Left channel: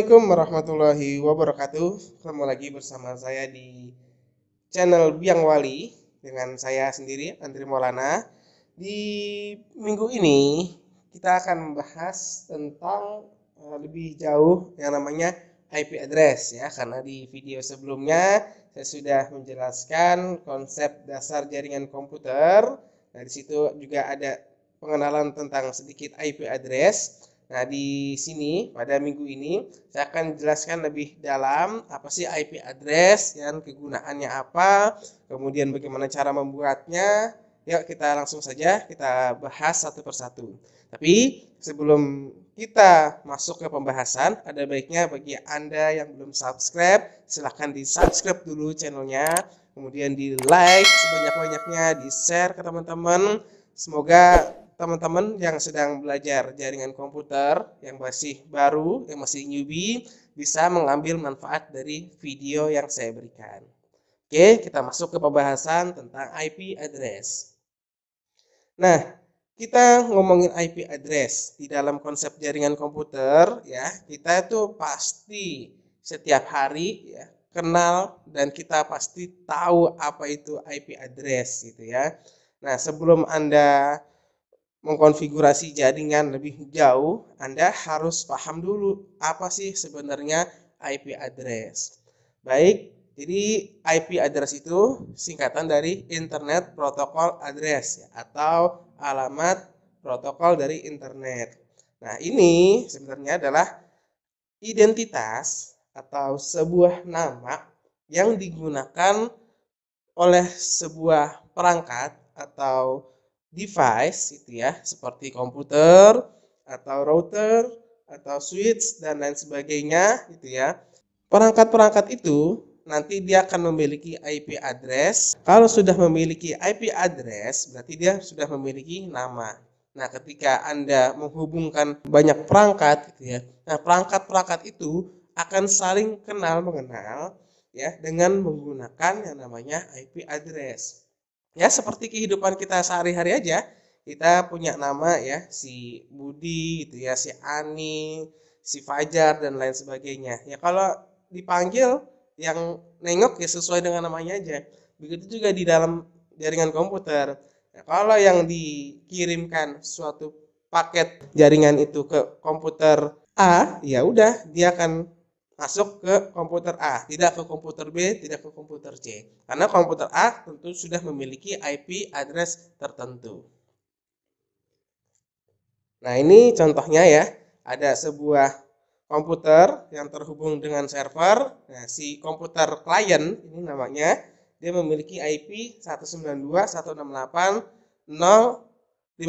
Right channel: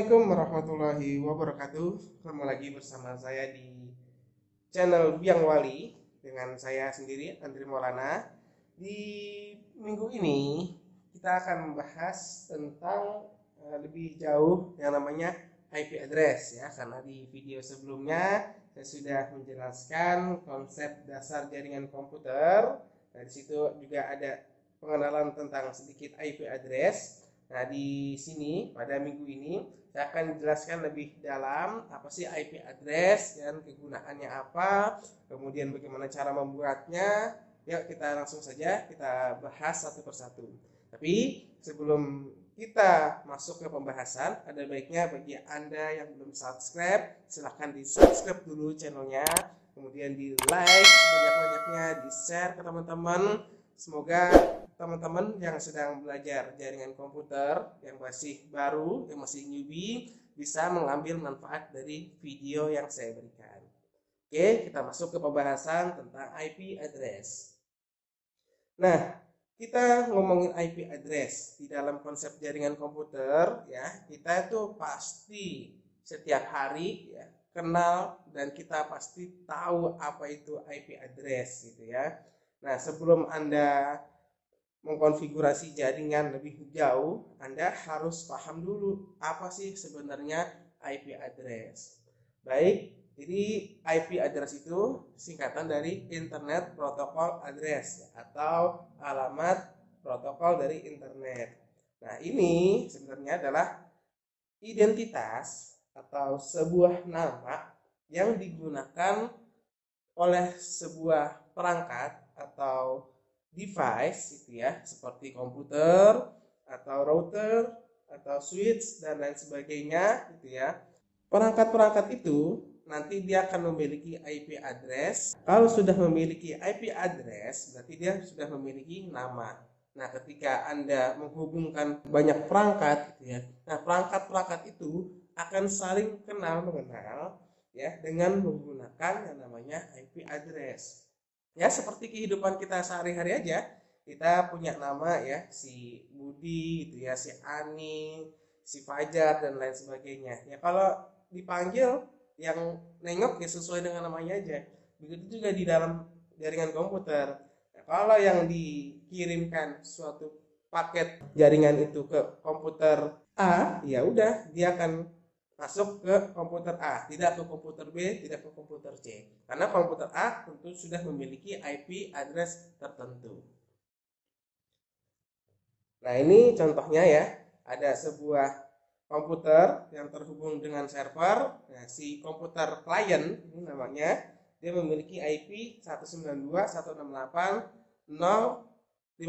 Assalamualaikum warahmatullahi wabarakatuh. Ketemu lagi bersama saya di channel Biang Wali dengan saya sendiri Andri Maulana. Di minggu ini kita akan membahas tentang lebih jauh yang namanya IP address ya, karena di video sebelumnya saya sudah menjelaskan konsep dasar jaringan komputer. Nah, di situ juga ada pengenalan tentang sedikit IP address. Nah, di sini pada minggu ini saya akan jelaskan lebih dalam apa sih IP address dan kegunaannya apa, kemudian bagaimana cara membuatnya. Yuk kita langsung saja kita bahas satu persatu. Tapi sebelum kita masuk ke pembahasan, ada baiknya bagi Anda yang belum subscribe, silahkan di subscribe dulu channelnya, kemudian di like sebanyak-banyaknya, di share ke teman-teman. Semoga teman-teman yang sedang belajar jaringan komputer, yang masih baru, yang masih newbie, bisa mengambil manfaat dari video yang saya berikan. Oke, kita masuk ke pembahasan tentang IP address. Nah, kita ngomongin IP address di dalam konsep jaringan komputer ya, kita itu pasti setiap hari ya kenal dan kita pasti tahu apa itu IP address gitu ya. Nah, sebelum Anda mengkonfigurasi jaringan lebih jauh, Anda harus paham dulu apa sih sebenarnya IP address. Baik, jadi IP address itu singkatan dari Internet Protocol Address ya, atau alamat protokol dari internet. Nah, ini sebenarnya adalah identitas atau sebuah nama yang digunakan oleh sebuah perangkat atau device itu ya, seperti komputer atau router atau switch dan lain sebagainya gitu ya. Perangkat-perangkat itu nanti dia akan memiliki IP address. Kalau sudah memiliki IP address, berarti dia sudah memiliki nama. Nah, ketika Anda menghubungkan banyak perangkat gitu ya. Nah, perangkat-perangkat itu akan saling kenal mengenal ya dengan menggunakan yang namanya IP address. Ya, seperti kehidupan kita sehari-hari aja, kita punya nama ya, si Budi gitu ya, si Ani, si Fajar dan lain sebagainya. Ya kalau dipanggil yang nengok ya sesuai dengan namanya aja. Begitu juga di dalam jaringan komputer. Nah, kalau yang dikirimkan suatu paket jaringan itu ke komputer A, ya udah dia akan masuk ke komputer A, tidak ke komputer B, tidak ke komputer C. Karena komputer A tentu sudah memiliki IP address tertentu. Nah, ini contohnya ya. Ada sebuah komputer yang terhubung dengan server. Nah, si komputer client ini namanya, dia memiliki IP 192.168.050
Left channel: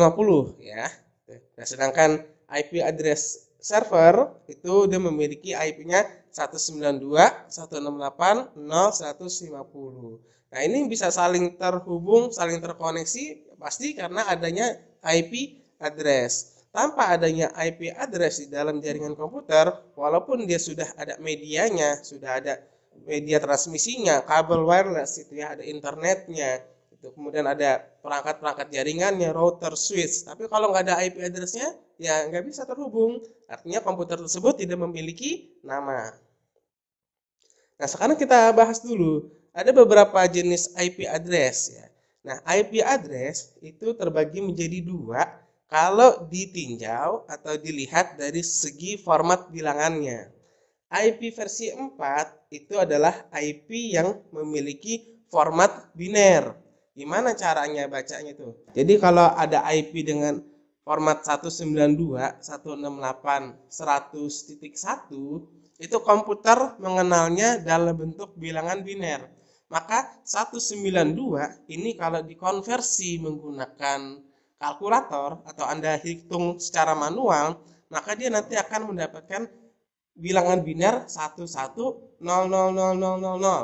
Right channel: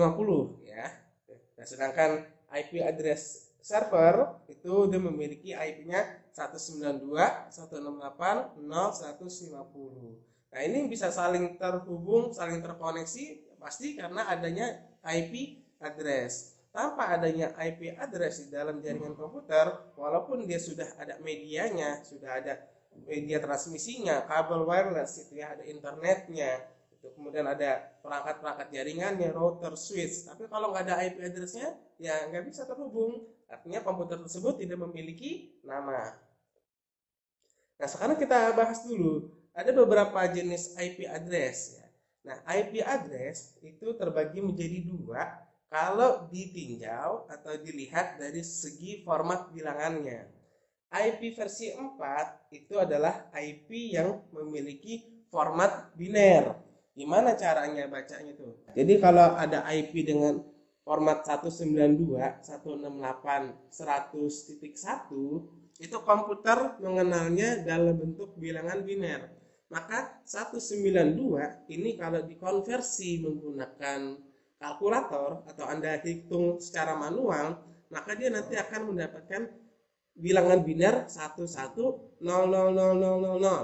ya. Nah, sedangkan IP address server itu dia memiliki IP-nya 192.168.0.150. Nah, ini bisa saling terhubung, saling terkoneksi pasti karena adanya IP address. Tanpa adanya IP address di dalam jaringan komputer, walaupun dia sudah ada medianya, sudah ada media transmisinya, kabel wireless itu ya, ada internetnya, itu kemudian ada perangkat-perangkat jaringannya, router, switch. Tapi kalau nggak ada IP address-nya, ya nggak bisa terhubung. Artinya komputer tersebut tidak memiliki nama. Nah, sekarang kita bahas dulu. Ada beberapa jenis IP address ya. Nah, IP address itu terbagi menjadi dua kalau ditinjau atau dilihat dari segi format bilangannya. IP versi 4 itu adalah IP yang memiliki format biner. Gimana caranya bacanya itu? Jadi kalau ada IP dengan format 192.168.100.1 itu komputer mengenalnya dalam bentuk bilangan biner. Maka 192 ini kalau dikonversi menggunakan kalkulator atau Anda hitung secara manual, maka dia nanti akan mendapatkan bilangan biner 11000000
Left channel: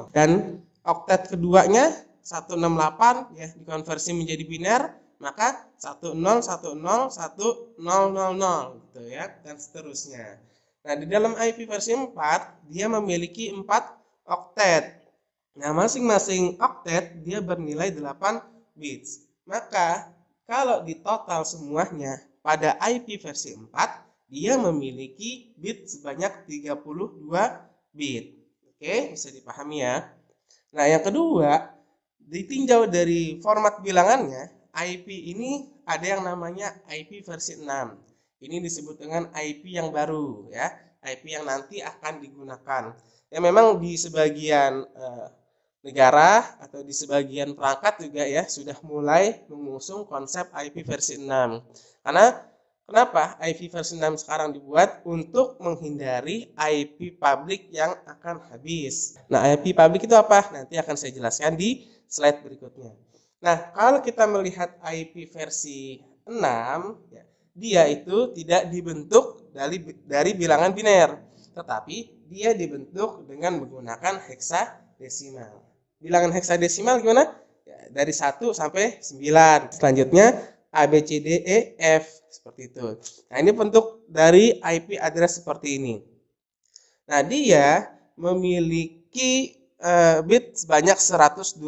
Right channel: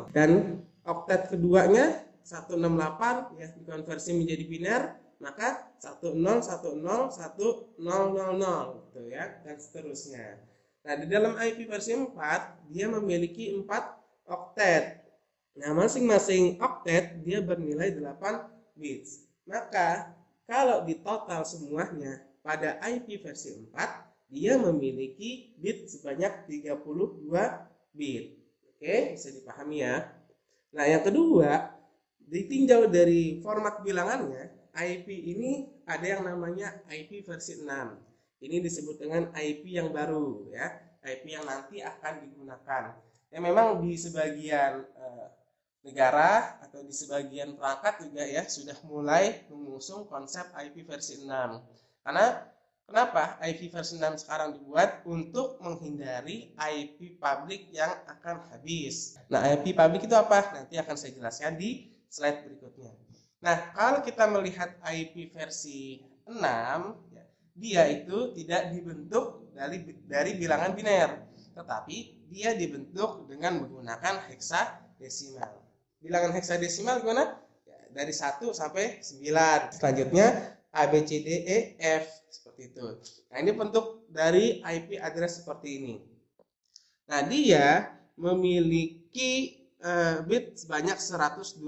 dan oktet keduanya 168 ya dikonversi menjadi biner, maka 10101000 gitu ya, dan seterusnya. Nah, di dalam IP versi 4 dia memiliki 4 oktet. Nah, masing-masing oktet dia bernilai 8 bits. Maka kalau di total semuanya pada IP versi 4 dia memiliki bit sebanyak 32 bit. Oke, bisa dipahami ya. Nah, yang kedua, ditinjau dari format bilangannya, IP ini ada yang namanya IP versi 6. Ini disebut dengan IP yang baru ya, IP yang nanti akan digunakan. Ya memang di sebagian negara atau di sebagian perangkat juga ya sudah mulai mengusung konsep IP versi 6. Karena kenapa IP versi 6 sekarang dibuat? Untuk menghindari IP publik yang akan habis. Nah, IP publik itu apa? Nanti akan saya jelaskan di slide berikutnya. Nah, kalau kita melihat IP versi 6, ya, dia itu tidak dibentuk dari bilangan biner, tetapi dia dibentuk dengan menggunakan heksadesimal. Bilangan heksadesimal gimana? Ya, dari 1 sampai 9. Selanjutnya A, B, C, D, E, F. Seperti itu. Nah, ini bentuk dari IP address seperti ini. Nah, dia memiliki bit sebanyak 128.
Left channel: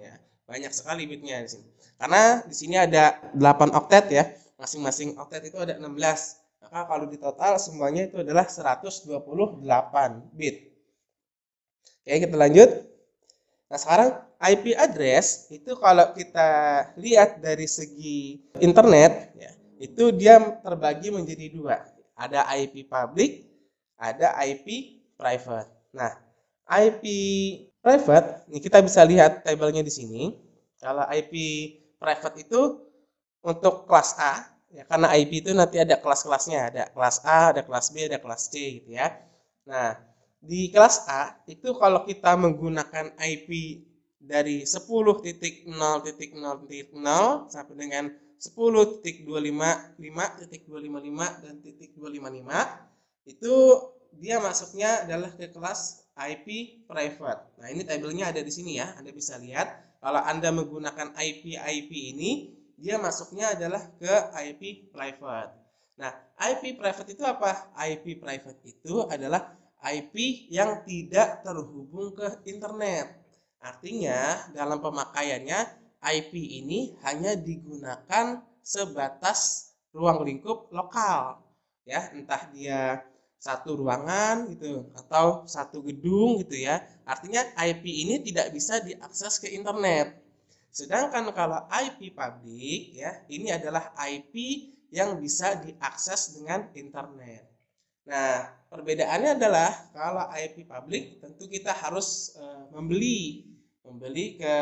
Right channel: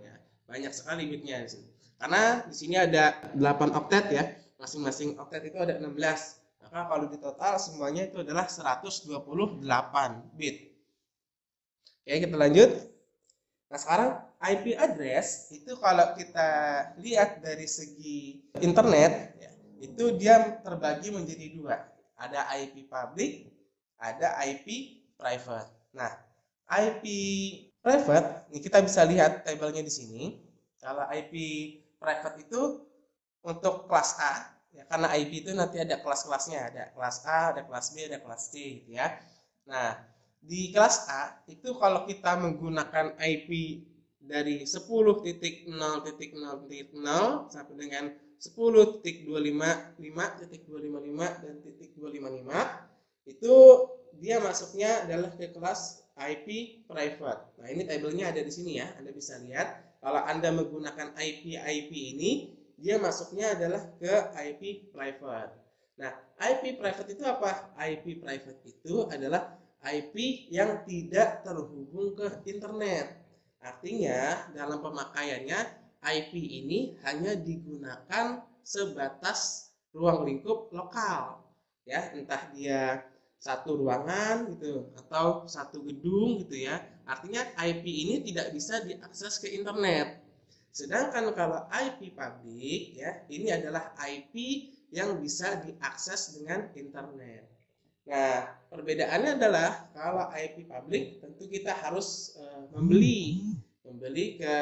Ya. Banyak sekali bitnya di sini. Karena di sini ada 8 oktet ya. Masing-masing oktet itu ada 16. Maka kalau di total semuanya itu adalah 128 bit. Oke, kita lanjut. Nah, sekarang IP address itu kalau kita lihat dari segi internet, ya, itu dia terbagi menjadi dua. Ada IP public, ada IP private. Nah, IP private, ini kita bisa lihat tabelnya di sini. Kalau IP private itu untuk kelas A, ya, karena IP itu nanti ada kelas-kelasnya, ada kelas A, ada kelas B, ada kelas C, gitu ya. Nah, di kelas A itu kalau kita menggunakan IP dari 10.0.0.0 sampai dengan 10.255.255 dan .255 itu dia masuknya adalah ke kelas IP private. Nah, ini tabelnya ada di sini ya. Anda bisa lihat kalau Anda menggunakan IP ini, dia masuknya adalah ke IP private. Nah, IP private itu apa? IP private itu adalah IP yang tidak terhubung ke internet. Artinya dalam pemakaiannya IP ini hanya digunakan sebatas ruang lingkup lokal. Ya, entah dia satu ruangan gitu atau satu gedung gitu ya. Artinya IP ini tidak bisa diakses ke internet. Sedangkan kalau IP publik ya, ini adalah IP yang bisa diakses dengan internet. Nah, perbedaannya adalah kalau IP publik tentu kita harus membeli ke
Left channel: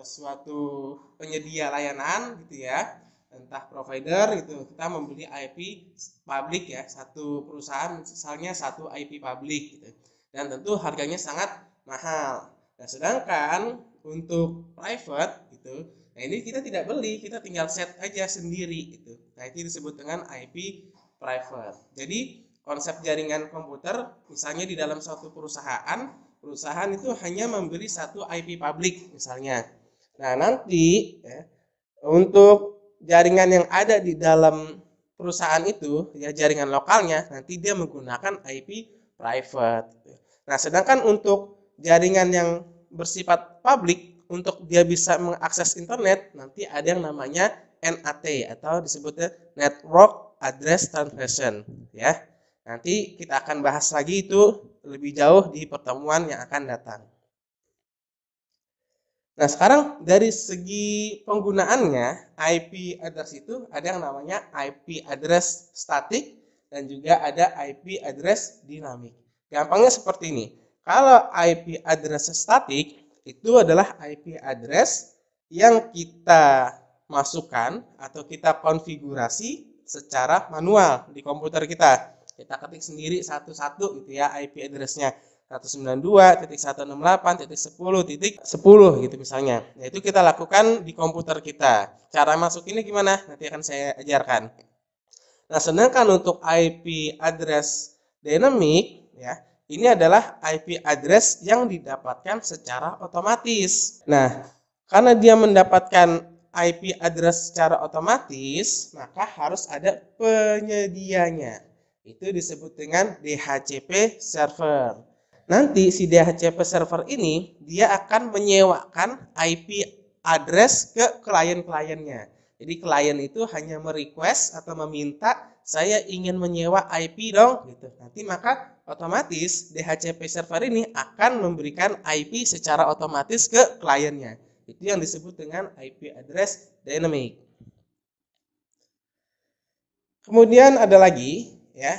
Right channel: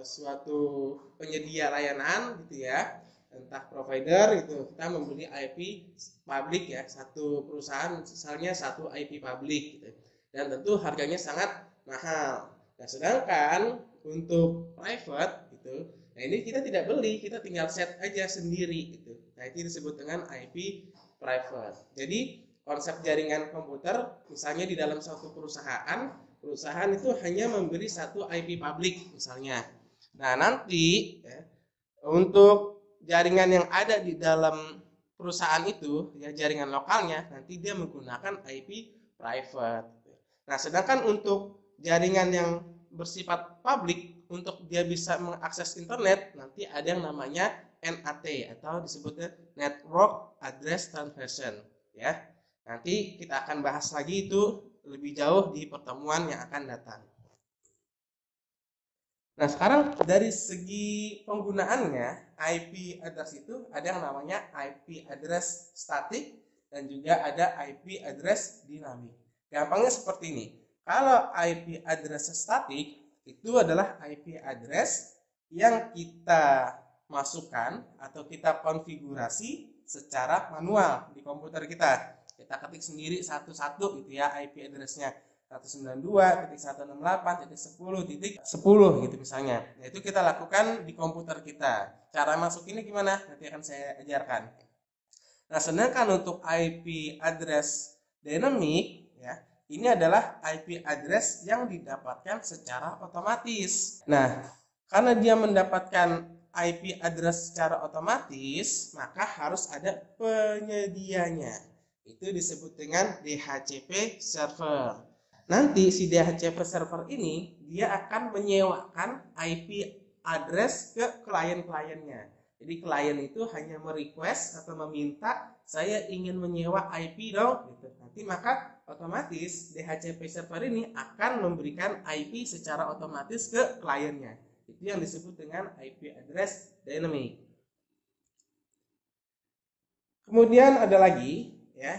suatu penyedia layanan gitu ya, entah provider gitu. Kita membeli IP publik ya, satu perusahaan misalnya satu IP publik gitu. Dan tentu harganya sangat mahal. Nah, sedangkan untuk private gitu, nah ini kita tidak beli, kita tinggal set aja sendiri gitu. Nah, itu disebut dengan IP private. Jadi konsep jaringan komputer, misalnya di dalam suatu perusahaan itu hanya memberi satu IP publik misalnya. Nah, nanti ya, untuk jaringan yang ada di dalam perusahaan itu, ya jaringan lokalnya, nanti dia menggunakan IP private. Nah, sedangkan untuk jaringan yang bersifat publik, untuk dia bisa mengakses internet, nanti ada yang namanya NAT atau disebutnya Network Address Transmission, ya. Nanti kita akan bahas lagi itu lebih jauh di pertemuan yang akan datang. Nah, sekarang dari segi penggunaannya, IP address itu ada yang namanya IP address static dan juga ada IP address dinamik. Gampangnya seperti ini. Kalau IP address static itu adalah IP address yang kita masukkan atau kita konfigurasi secara manual di komputer kita. Kita ketik sendiri satu-satu gitu ya IP address-nya 192.168.10.10 gitu misalnya. Nah, itu kita lakukan di komputer kita. Cara masuk ini gimana? Nanti akan saya ajarkan. Nah, sedangkan untuk IP address dynamic ya, ini adalah IP address yang didapatkan secara otomatis. Nah, karena dia mendapatkan IP address secara otomatis, maka harus ada penyedianya. Itu disebut dengan DHCP server. Nanti si DHCP server ini dia akan menyewakan IP address ke klien-kliennya. Jadi klien itu hanya merequest atau meminta saya ingin menyewa IP dong gitu. Nanti maka otomatis DHCP server ini akan memberikan IP secara otomatis ke kliennya. Itu yang disebut dengan IP address dynamic. Kemudian ada lagi ya,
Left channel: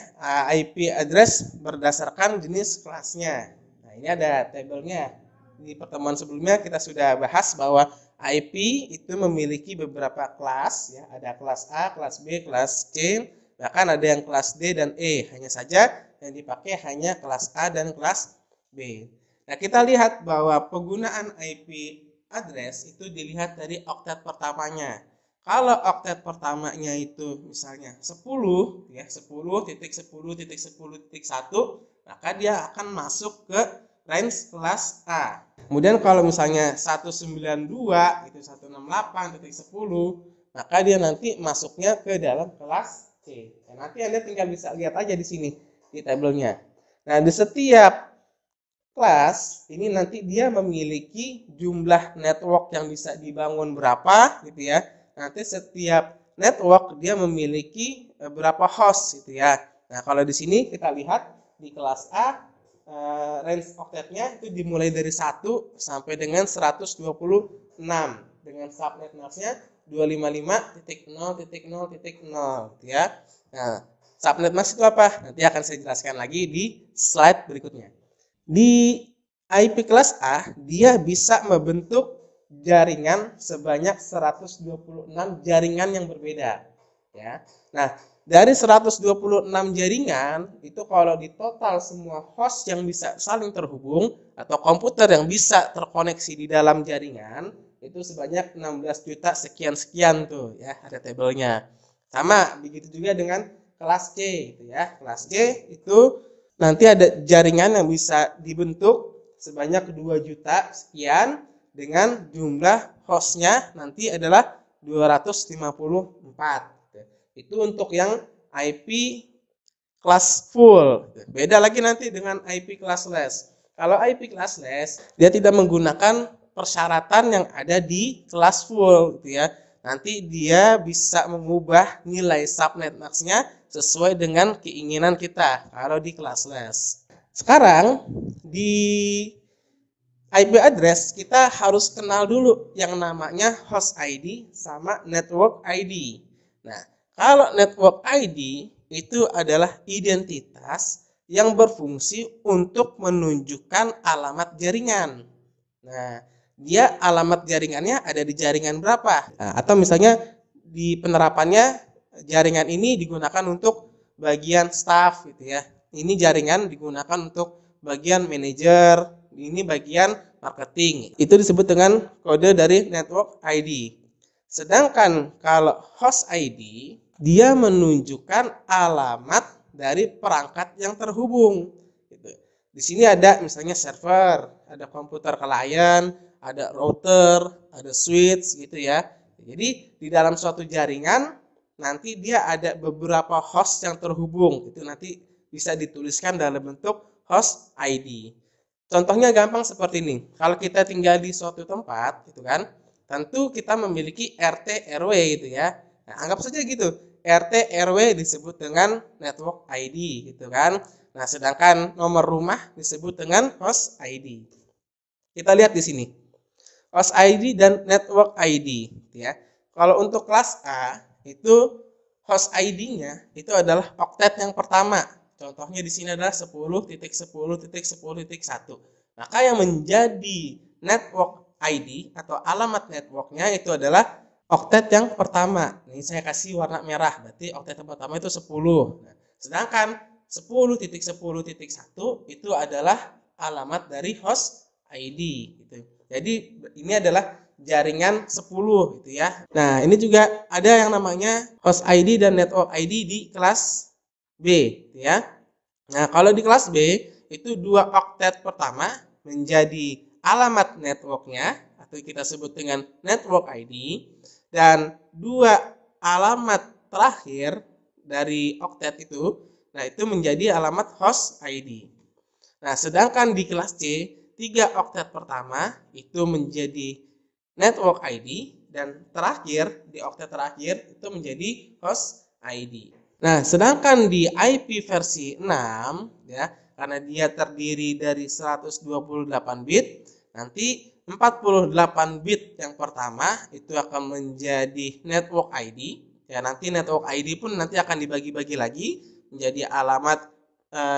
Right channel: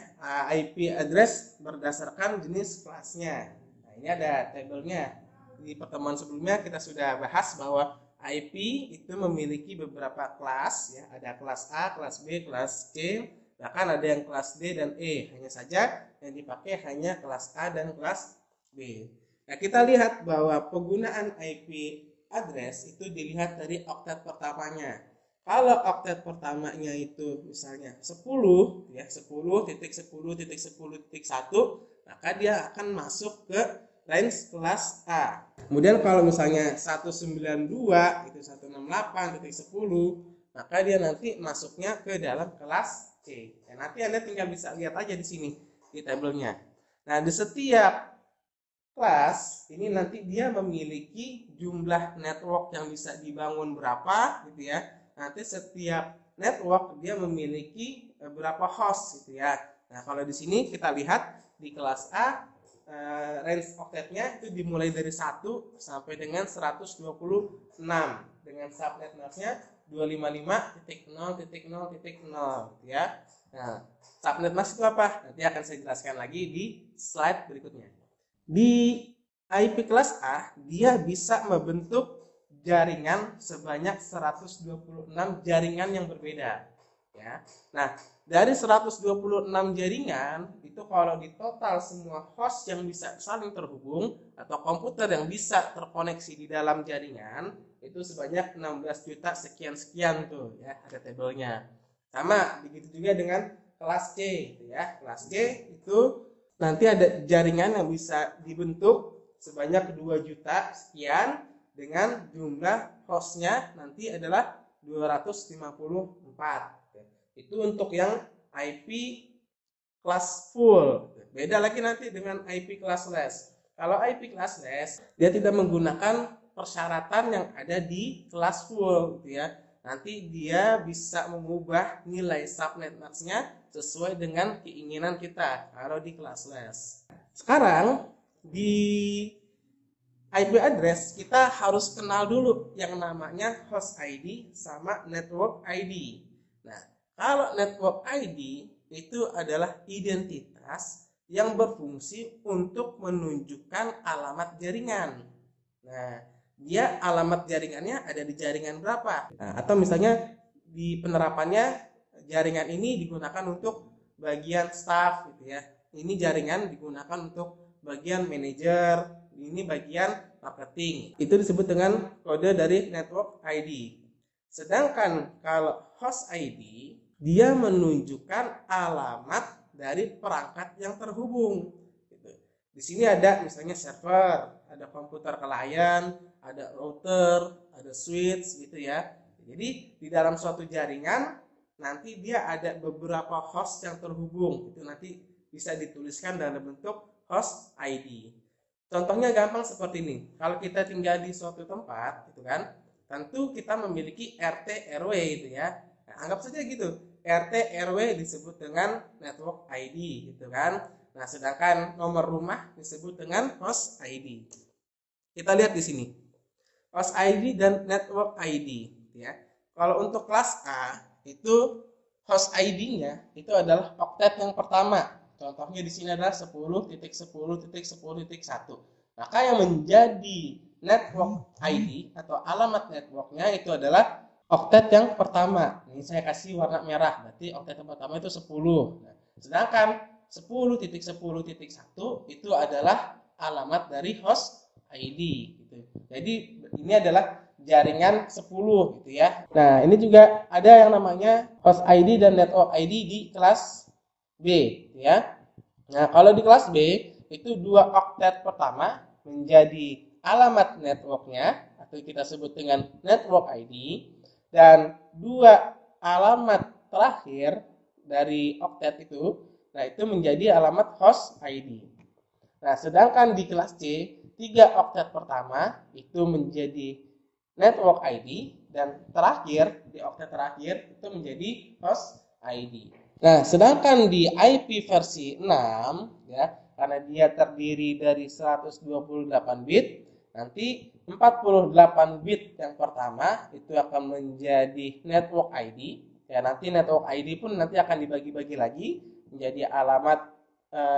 IP address berdasarkan jenis kelasnya. Nah, ini ada tabelnya. Di pertemuan sebelumnya kita sudah bahas bahwa IP itu memiliki beberapa kelas ya, ada kelas A, kelas B, kelas C, bahkan ada yang kelas D dan E. Hanya saja yang dipakai hanya kelas A dan kelas B. Nah, kita lihat bahwa penggunaan IP address itu dilihat dari oktet pertamanya. Kalau oktet pertamanya itu misalnya 10 ya, 10.10.10.1, maka dia akan masuk ke range kelas A. Kemudian kalau misalnya 192 itu 168.10, maka dia nanti masuknya ke dalam kelas C. Nah, nanti Anda tinggal bisa lihat aja di sini di tabelnya. Nah, di setiap kelas ini nanti dia memiliki jumlah network yang bisa dibangun berapa gitu ya. Nanti setiap network dia memiliki berapa host gitu ya. Nah, kalau di sini kita lihat di kelas A range oktetnya itu dimulai dari 1 sampai dengan 126 dengan subnet masknya 255.0.0.0 ya. Nah, subnet mask itu apa? Nanti akan saya jelaskan lagi di slide berikutnya. Di IP kelas A dia bisa membentuk jaringan sebanyak 126 jaringan yang berbeda ya. Nah, dari 126 jaringan itu kalau di total semua host yang bisa saling terhubung atau komputer yang bisa terkoneksi di dalam jaringan itu sebanyak 16 juta sekian-sekian tuh ya, ada tabelnya. Sama begitu juga dengan kelas C gitu ya. Kelas C itu nanti ada jaringan yang bisa dibentuk sebanyak 2 juta sekian dengan jumlah hostnya nanti adalah 254. Itu untuk yang IP kelas full. Beda lagi nanti dengan IP classless. Kalau IP classless dia tidak menggunakan persyaratan yang ada di kelas full gitu ya. Nanti dia bisa mengubah nilai subnet max-nya sesuai dengan keinginan kita kalau di classless. Sekarang di IP address kita harus kenal dulu yang namanya host ID sama network ID. Nah, kalau network ID itu adalah identitas yang berfungsi untuk menunjukkan alamat jaringan. Nah, dia alamat jaringannya ada di jaringan berapa? Nah, atau misalnya di penerapannya jaringan ini digunakan untuk bagian staff gitu ya. Ini jaringan digunakan untuk bagian manajer, ini bagian marketing. Itu disebut dengan kode dari network ID. Sedangkan kalau host ID dia menunjukkan alamat dari perangkat yang terhubung. Di sini ada misalnya server, ada komputer klien, ada router, ada switch gitu ya. Jadi di dalam suatu jaringan nanti dia ada beberapa host yang terhubung. Itu nanti bisa dituliskan dalam bentuk host ID. Contohnya gampang seperti ini. Kalau kita tinggal di suatu tempat, gitu kan, tentu kita memiliki RT RW gitu ya. Nah, anggap saja gitu. RT RW disebut dengan network ID gitu kan. Nah, sedangkan nomor rumah disebut dengan host ID. Kita lihat di sini. Host ID dan network ID ya. Kalau untuk kelas A itu host ID-nya itu adalah oktet yang pertama. Contohnya di sini adalah 10.10.10.1. Maka yang menjadi network ID atau alamat networknya itu adalah oktet yang pertama. Ini saya kasih warna merah, berarti oktet yang pertama itu 10. Nah, sedangkan 10.10.1 itu adalah alamat dari host ID gitu. Jadi ini adalah jaringan 10 gitu ya. Nah, ini juga ada yang namanya host ID dan network ID di kelas B ya. Nah, kalau di kelas B itu dua oktet pertama menjadi alamat networknya atau kita sebut dengan network ID, dan dua alamat terakhir dari oktet itu, nah itu menjadi alamat host ID. Nah, sedangkan di kelas C, 3 oktet pertama itu menjadi network ID dan terakhir di oktet terakhir itu menjadi host ID. Nah, sedangkan di IP versi 6 ya, karena dia terdiri dari 128 bit, nanti 48 bit yang pertama itu akan menjadi network ID. Ya, nanti network ID pun nanti akan dibagi-bagi lagi menjadi alamat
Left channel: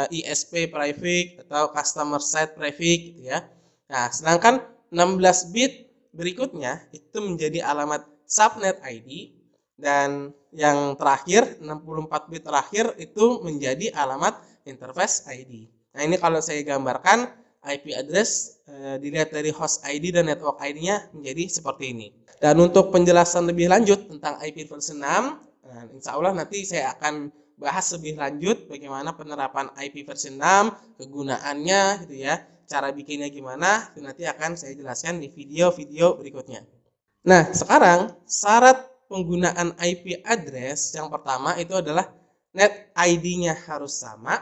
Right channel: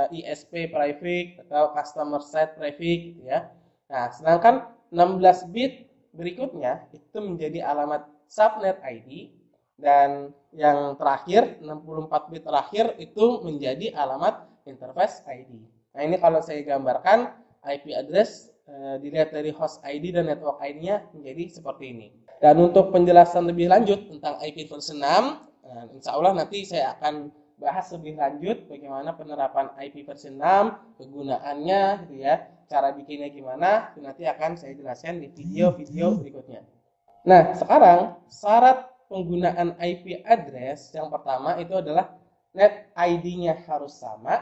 ISP prefix atau customer side prefix gitu ya. Nah, sedangkan 16 bit berikutnya itu menjadi alamat subnet ID, dan yang terakhir 64 bit terakhir itu menjadi alamat interface ID. Nah, ini kalau saya gambarkan IP address dilihat dari host ID dan network ID-nya menjadi seperti ini. Dan untuk penjelasan lebih lanjut tentang IP versi 6, insya Allah nanti saya akan bahas lebih lanjut bagaimana penerapan IP versi 6, kegunaannya gitu ya, cara bikinnya gimana, itu nanti akan saya jelaskan di video-video berikutnya. Nah, sekarang syarat penggunaan IP address yang pertama itu adalah net ID-nya harus sama,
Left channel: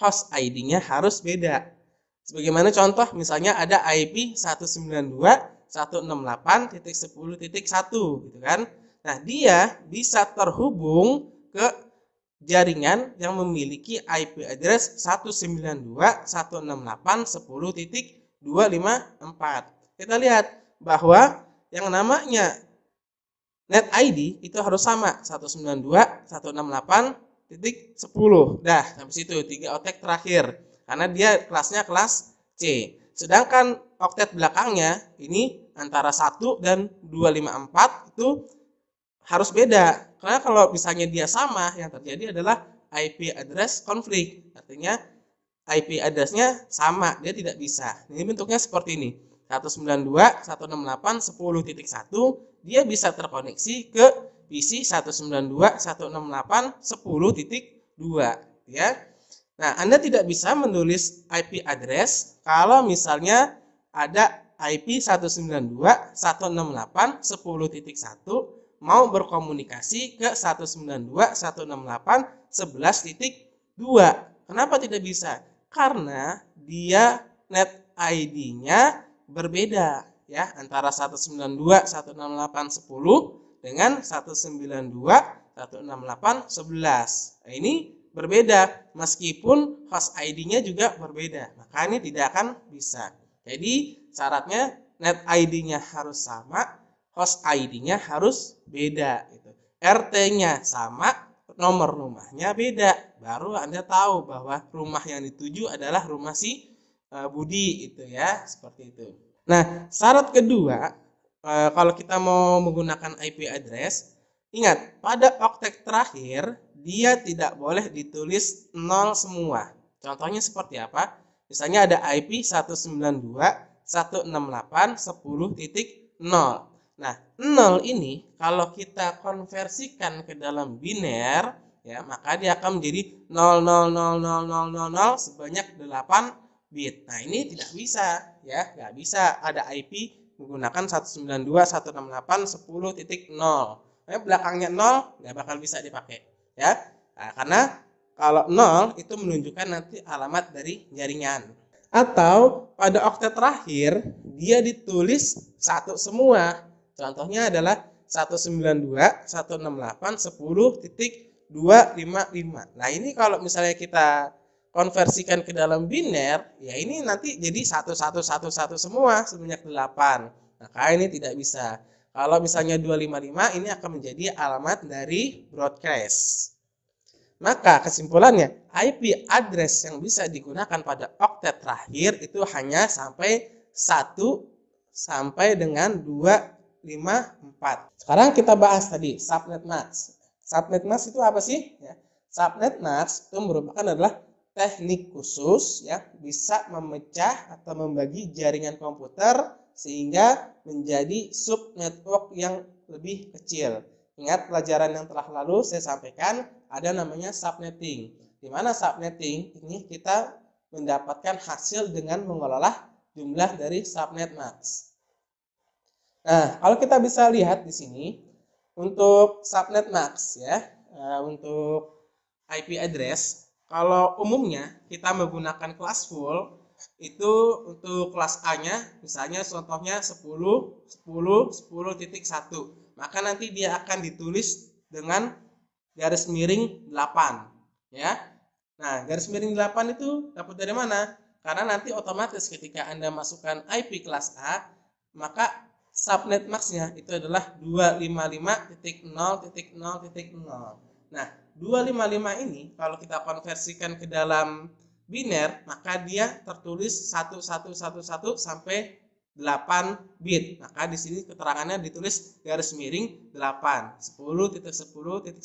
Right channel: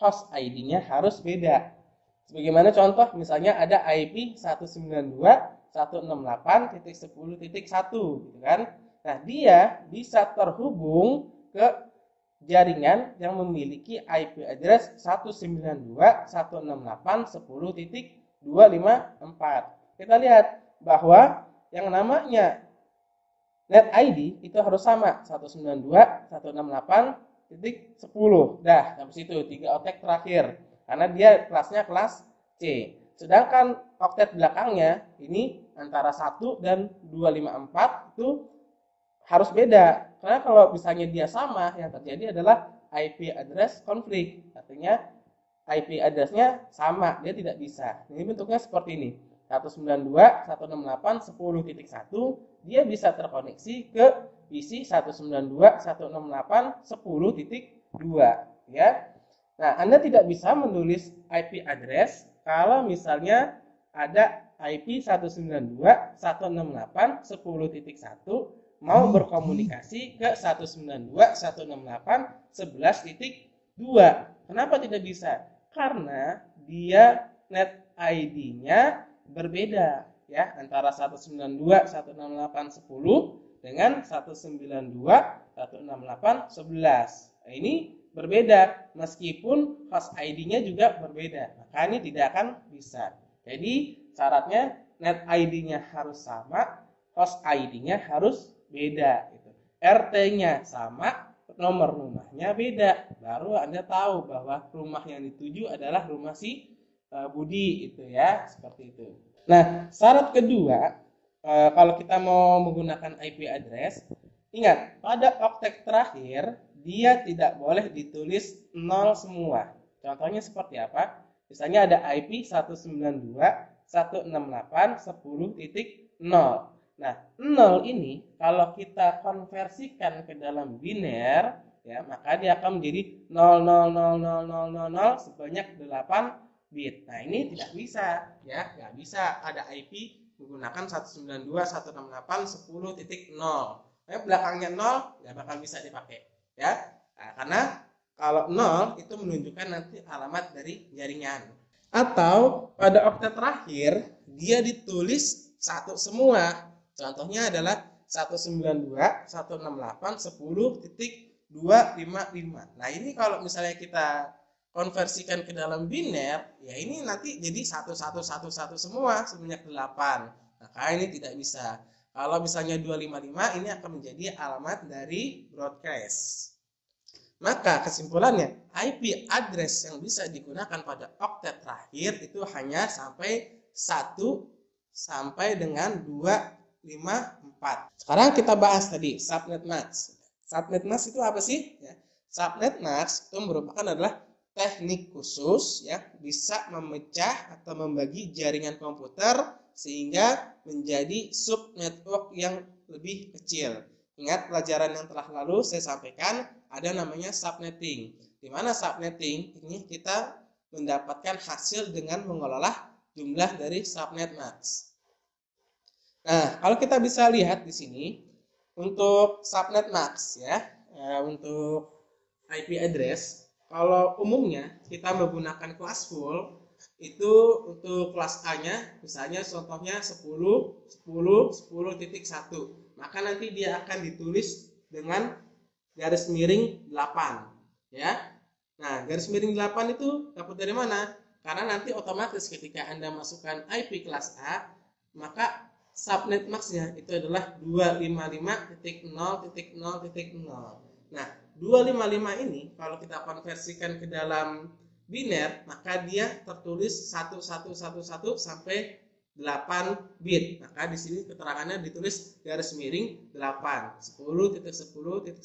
host ID-nya harus beda. Sebagaimana contoh misalnya ada IP 192.168.10.1 gitu kan. Nah, dia bisa terhubung ke jaringan yang memiliki IP address 192.168.10.254. Kita lihat bahwa yang namanya net ID itu harus sama 192.168.10. Dah, sampai situ 3 oktet terakhir. Karena dia kelasnya kelas C. Sedangkan oktet belakangnya ini antara 1 dan 254 itu harus beda. Karena kalau misalnya dia sama, yang terjadi adalah IP address konflik. Artinya IP address-nya sama, dia tidak bisa. Ini bentuknya seperti ini. 192.168.10.1 dia bisa terkoneksi ke PC 192.168.10.2 ya. Nah, Anda tidak bisa menulis IP address kalau misalnya ada IP 192.168.10.1 mau berkomunikasi ke 192.168.11.2. Kenapa tidak bisa? Karena dia net ID-nya berbeda ya, antara 192.168.10 dengan 192.168.11. Nah, ini berbeda meskipun host ID-nya juga berbeda. Maka ini tidak akan bisa. Jadi syaratnya net ID-nya harus sama, host ID-nya harus beda gitu. RT-nya sama, nomor rumahnya beda. Baru Anda tahu bahwa rumah yang dituju adalah rumah si Budi itu ya, seperti itu. Nah, syarat kedua, kalau kita mau menggunakan IP address, ingat pada oktet terakhir dia tidak boleh ditulis 0 semua. Contohnya seperti apa? Misalnya ada IP 192.168.10.0. Nah, 0 ini kalau kita konversikan ke dalam biner ya, maka dia akan menjadi 0000000 sebanyak 8 bit. Nah, ini tidak bisa ya, nggak bisa ada IP menggunakan 192.168.10.0. Nah, belakangnya 0 nggak bakal bisa dipakai ya. Nah, karena kalau 0 itu menunjukkan nanti alamat dari jaringan. Atau pada oktet terakhir dia ditulis satu semua. Contohnya adalah 192.168.10.255. Nah, ini kalau misalnya kita konversikan ke dalam biner, ya ini nanti jadi 1111 semua sebanyak 8. Maka ini tidak bisa. Kalau misalnya 255 ini akan menjadi alamat dari broadcast. Maka kesimpulannya, IP address yang bisa digunakan pada oktet terakhir itu hanya sampai 1 sampai dengan 254. Sekarang kita bahas tadi subnet mask. Subnet mask itu apa sih? Ya, subnet mask itu merupakan adalah teknik khusus ya, bisa memecah atau membagi jaringan komputer sehingga menjadi subnetwork yang lebih kecil. Ingat pelajaran yang telah lalu saya sampaikan ada namanya subnetting. Di mana subnetting ini kita mendapatkan hasil dengan mengolah jumlah dari subnet mask. Nah, kalau kita bisa lihat di sini untuk subnet mask ya, untuk IP address, kalau umumnya kita menggunakan kelas full itu untuk kelas A-nya misalnya contohnya 10.10.10.1. Maka nanti dia akan ditulis dengan garis miring 8 ya. Nah, garis miring 8 itu dapat dari mana? Karena nanti otomatis ketika Anda masukkan IP kelas A, maka subnet max-nya itu adalah 255.0.0.0. Nah, 255 ini kalau kita konversikan ke dalam biner, maka dia tertulis 1111 sampai 8 bit. Maka di sini keterangannya ditulis garis miring 8, 10.10.10.1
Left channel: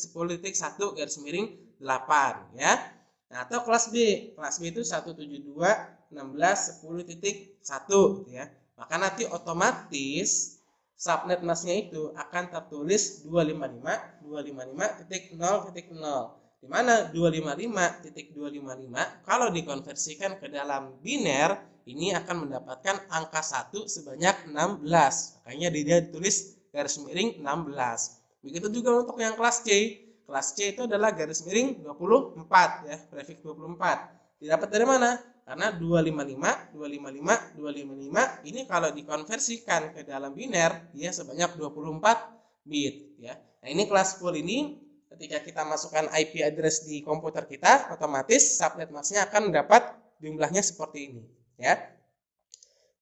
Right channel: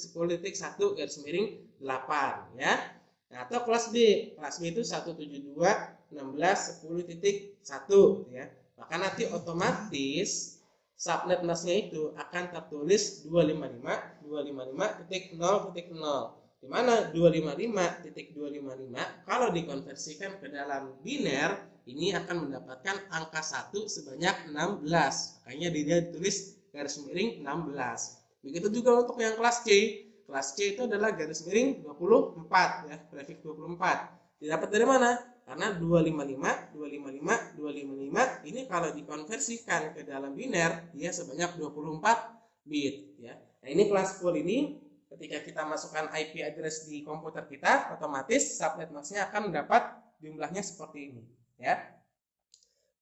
garis miring 8 ya. Nah, atau kelas B. Kelas B itu 172.16.10.1 ya. Maka nanti otomatis subnet masknya itu akan tertulis 255.255.0.0, di mana 255.255 kalau dikonversikan ke dalam biner ini akan mendapatkan angka 1 sebanyak 16. Makanya dia ditulis garis miring 16. Begitu juga untuk yang kelas C. Kelas C itu adalah garis miring 24 ya, prefix 24. Didapat dari mana? Karena 255, 255, 255 ini kalau dikonversikan ke dalam biner dia sebanyak 24 bit ya. Nah, ini kelas full ini ketika kita masukkan IP address di komputer kita, otomatis subnet max-nya akan mendapat jumlahnya seperti ini ya.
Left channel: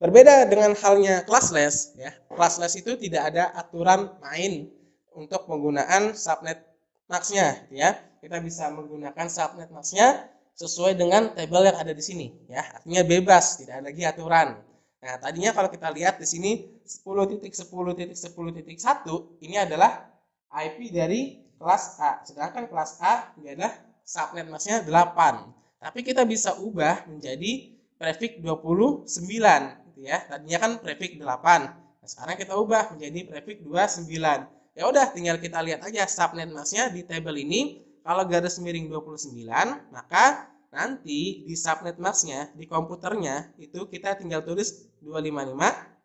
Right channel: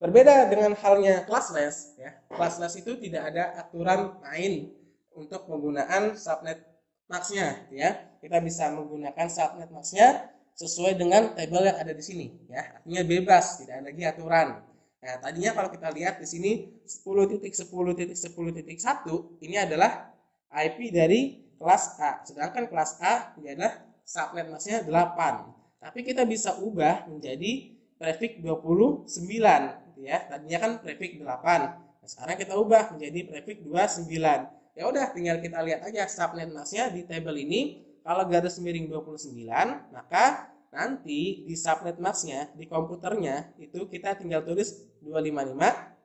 Berbeda dengan halnya classless ya. Classless itu tidak ada aturan main untuk penggunaan subnet max-nya ya. Kita bisa menggunakan subnet max-nya sesuai dengan tabel yang ada di sini ya. Artinya bebas, tidak ada lagi aturan. Nah, tadinya kalau kita lihat di sini 10.10.10.1 ini adalah IP dari kelas A. Sedangkan kelas A ini adalah subnet max-nya 8. Tapi kita bisa ubah menjadi prefix 29 gitu ya. Tadinya kan prefix 8. Nah, sekarang kita ubah menjadi prefix 29. Ya udah, tinggal kita lihat aja subnet max-nya di tabel ini. Kalau garis miring 29, maka nanti di subnet max-nya di komputernya itu kita tinggal tulis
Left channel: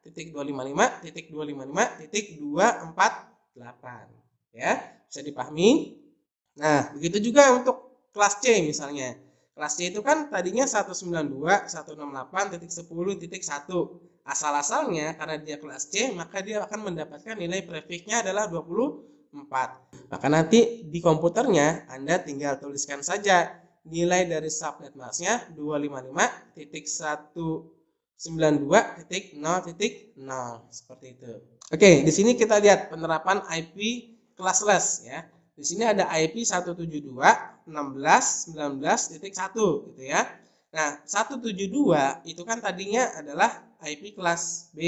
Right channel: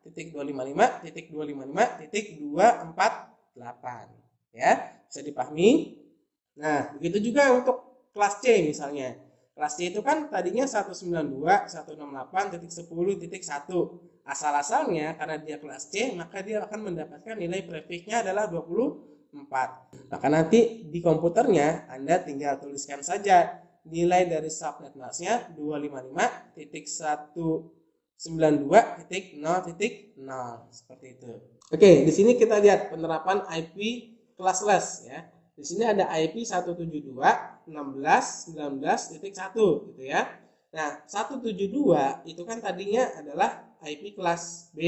255.255.255.248 ya. Bisa dipahami? Nah, begitu juga untuk kelas C misalnya. Kelas C itu kan tadinya 192.168.10.1. Asal-asalnya karena dia kelas C, maka dia akan mendapatkan nilai prefixnya adalah 24. Maka nanti di komputernya Anda tinggal tuliskan saja nilai dari subnet max-nya 255.192.0.0 seperti itu. Oke, di sini kita lihat penerapan IP classless ya. Di sini ada IP 172.16.19.1 gitu ya. Nah, 172 itu kan tadinya adalah IP kelas B.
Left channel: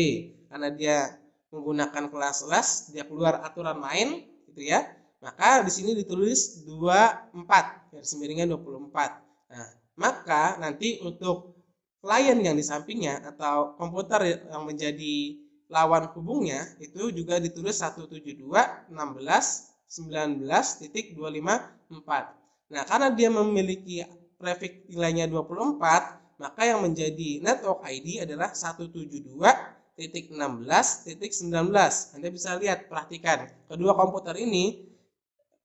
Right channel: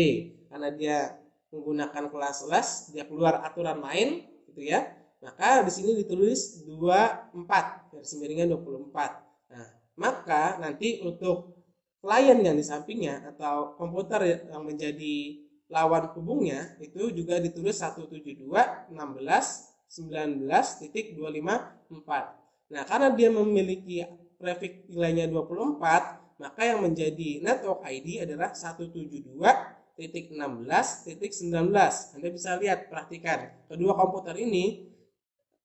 Karena dia menggunakan classless, dia keluar aturan main gitu ya. Maka di sini ditulis 24, garis miringnya 24. Nah, maka nanti untuk klien yang di sampingnya atau komputer yang menjadi lawan hubungnya itu juga ditulis 172.16.19.254. Nah, karena dia memiliki prefix nilainya 24, maka yang menjadi network ID adalah 172.16.19. Anda bisa lihat, perhatikan, kedua komputer ini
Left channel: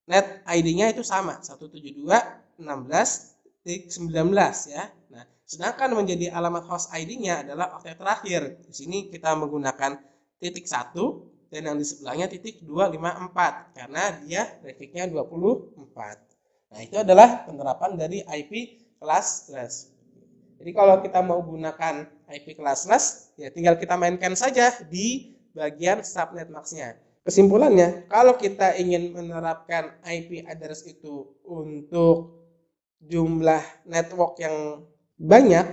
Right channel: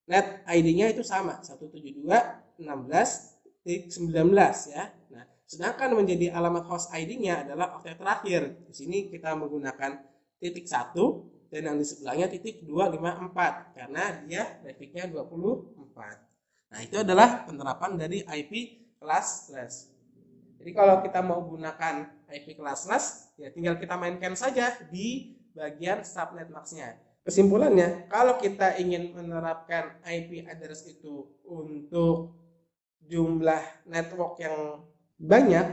net ID-nya itu sama, 172.16.19 ya. Nah, sedangkan menjadi alamat host ID-nya adalah oktet terakhir. Di sini kita menggunakan titik 1 dan yang di sebelahnya titik 254 karena dia prefixnya 24. Nah, itu adalah penerapan dari IP classless. Jadi kalau kita mau gunakan IP classless, ya tinggal kita mainkan saja di bagian subnet max-nya. Kesimpulannya, kalau kita ingin menerapkan IP address itu untuk jumlah network yang banyak,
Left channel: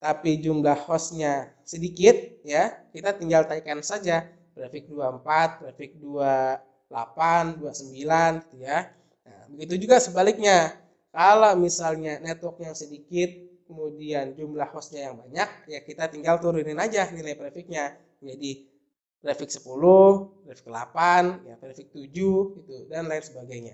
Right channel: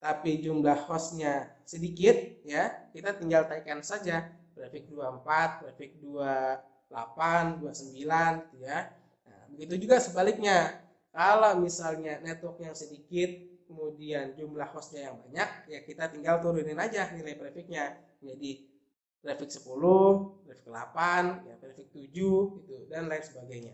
tapi jumlah hostnya sedikit, ya kita tinggal tekan saja prefix 24, prefix 28, 29, gitu ya. Nah, begitu juga sebaliknya. Kalau misalnya network yang sedikit, kemudian jumlah hostnya yang banyak, ya kita tinggal turunin aja nilai prefixnya menjadi prefix 10, prefix 8, ya prefix 7, gitu, dan lain sebagainya.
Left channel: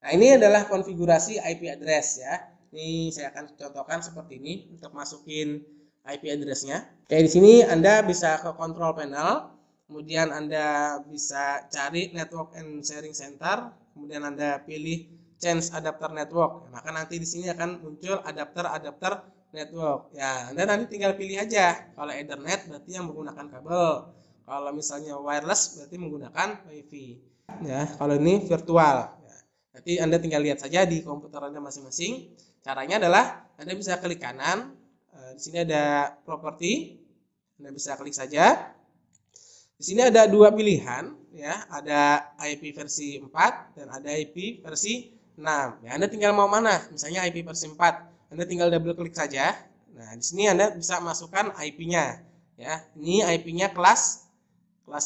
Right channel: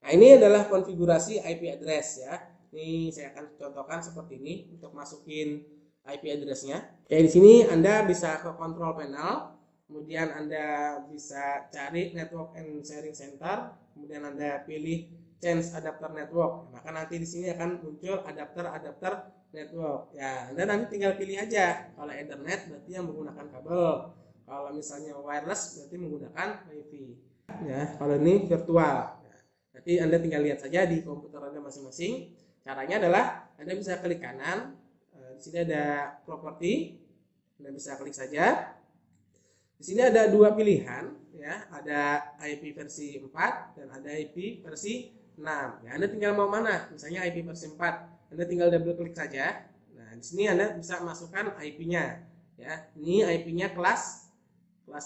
Nah, ini adalah konfigurasi IP address ya. Ini saya akan contohkan seperti ini untuk masukin IP address-nya. Kayak di sini Anda bisa ke control panel, kemudian Anda bisa cari network and sharing center, kemudian Anda pilih change adapter network. Maka nanti di sini akan muncul adapter network. Ya, Anda nanti tinggal pilih aja. Kalau Ethernet berarti yang menggunakan kabel. Kalau misalnya wireless berarti menggunakan WiFi. ya. Kalau ini virtual. Nanti Anda tinggal lihat saja di komputer Anda masing-masing. Caranya adalah Anda bisa klik kanan. Di sini ada properti. Anda bisa klik saja. Di sini ada dua pilihan, ya. Ada IP versi 4 dan ada IP versi 6. Ya, Anda tinggal mau mana? Misalnya IP versi 4. Anda tinggal double klik saja. Nah, di sini Anda bisa masukkan IP-nya. Ya, ini IP-nya kelas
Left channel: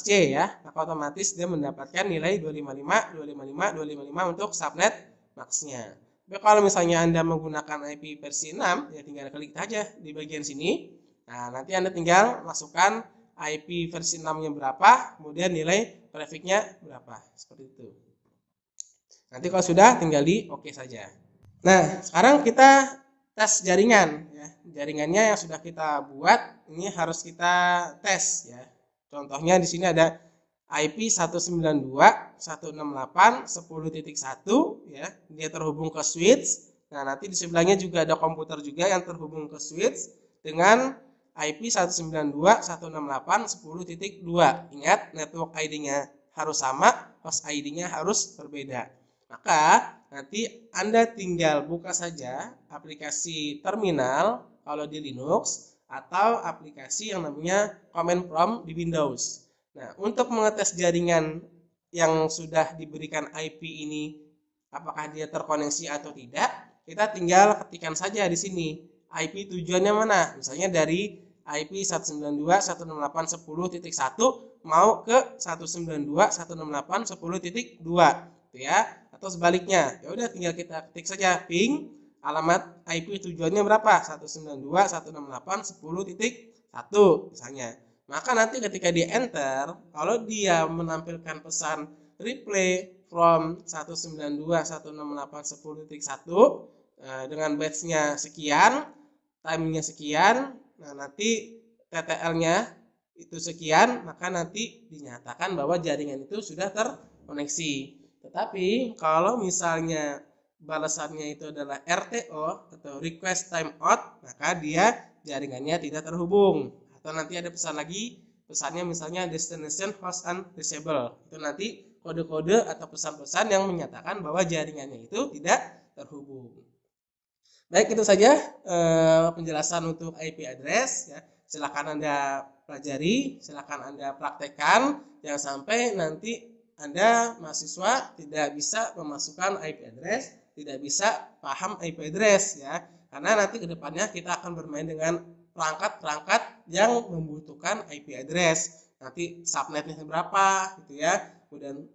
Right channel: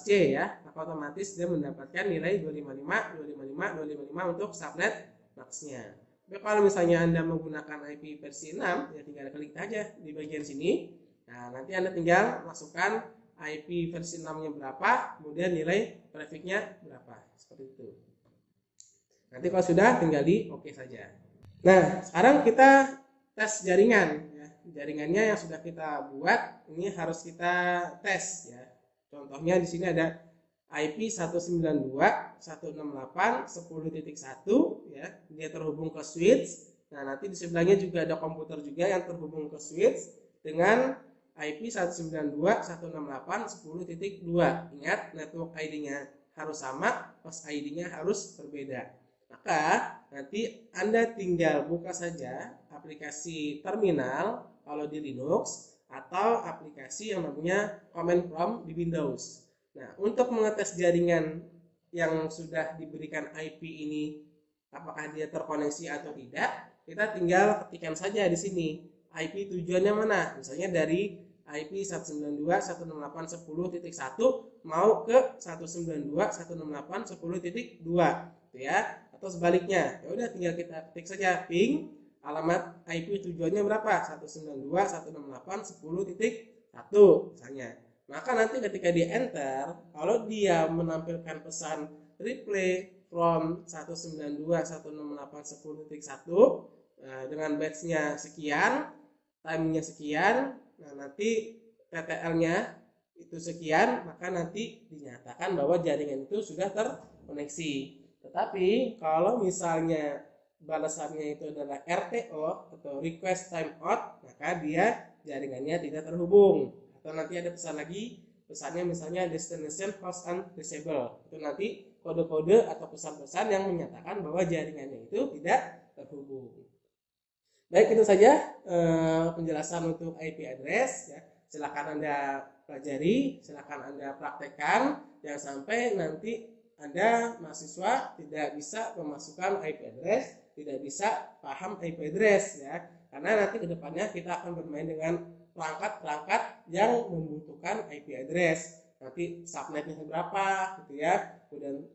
C, ya. Maka otomatis dia mendapatkan nilai 255, 255, 255 untuk subnet max-nya. Tapi kalau misalnya Anda menggunakan IP versi 6, ya tinggal klik saja di bagian sini. Nah, nanti Anda tinggal masukkan IP versi 6-nya berapa, kemudian nilai trafficnya berapa, seperti itu. Nanti kalau sudah tinggal di oke saja. Nah, sekarang kita tes jaringan, ya. Jaringannya yang sudah kita buat ini harus kita tes, ya. Contohnya di sini ada IP 192.168.10.1, ya. Dia terhubung ke switch. Nah, nanti di sebelahnya juga ada komputer juga yang terhubung ke switch dengan IP 192.168.10.2. Ingat, network ID-nya harus sama, host ID-nya harus berbeda. Maka nanti Anda tinggal buka saja aplikasi terminal kalau di Linux atau aplikasi yang namanya Command Prompt di Windows. Nah, untuk mengetes jaringan yang sudah diberikan IP ini apakah dia terkoneksi atau tidak, kita tinggal ketikkan saja di sini. IP tujuannya mana? Misalnya dari IP 192.168.10.1 mau ke 192.168.10.2, gitu ya. Atau sebaliknya. Ya udah tinggal kita ketik saja ping alamat IP tujuannya berapa? 192.168.10.1 misalnya. Maka nanti ketika di enter, kalau dia menampilkan pesan replay from 192.168.10.1 dengan batch-nya sekian, time-nya sekian, nah nanti TTL-nya itu sekian, maka nanti dinyatakan bahwa jaringan itu sudah terkoneksi. Tetapi kalau misalnya balasannya itu adalah RTO atau request timeout, maka dia jaringannya tidak terhubung. Atau nanti ada pesan lagi, pesannya misalnya destination host undisable. Itu nanti kode-kode atau pesan-pesan yang menyatakan bahwa jaringannya itu tidak terhubung. Baik, itu saja penjelasan untuk IP address, ya. Silakan Anda pelajari, silakan Anda praktekkan, jangan sampai nanti Anda mahasiswa tidak bisa memasukkan IP address, tidak bisa paham IP address, ya. Karena nanti kedepannya kita akan bermain dengan perangkat-perangkat yang membutuhkan IP address. Nanti subnetnya berapa, gitu ya. Kemudian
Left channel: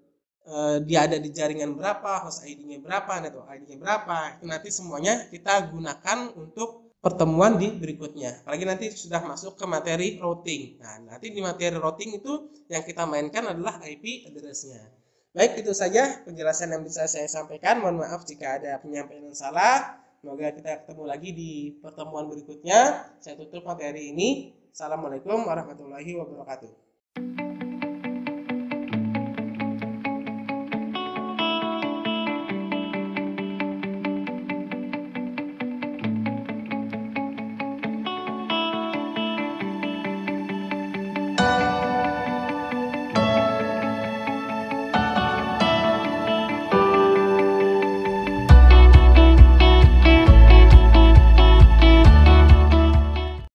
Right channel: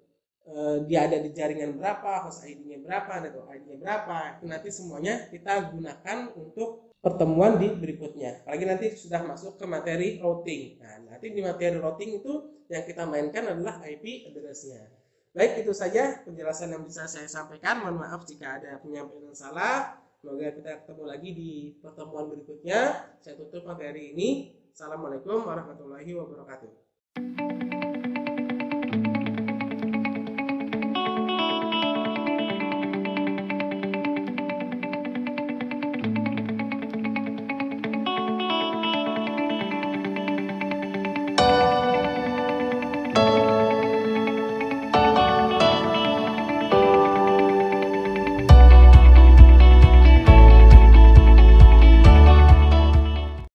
dia ada di jaringan berapa, host ID-nya berapa, network ID-nya berapa. Itu nanti semuanya kita gunakan untuk pertemuan di berikutnya. Apalagi nanti sudah masuk ke materi routing. Nah, nanti di materi routing itu yang kita mainkan adalah IP address-nya. Baik, itu saja penjelasan yang bisa saya sampaikan. Mohon maaf jika ada penyampaian yang salah. Semoga kita ketemu lagi di pertemuan berikutnya. Saya tutup materi ini. Assalamualaikum warahmatullahi wabarakatuh.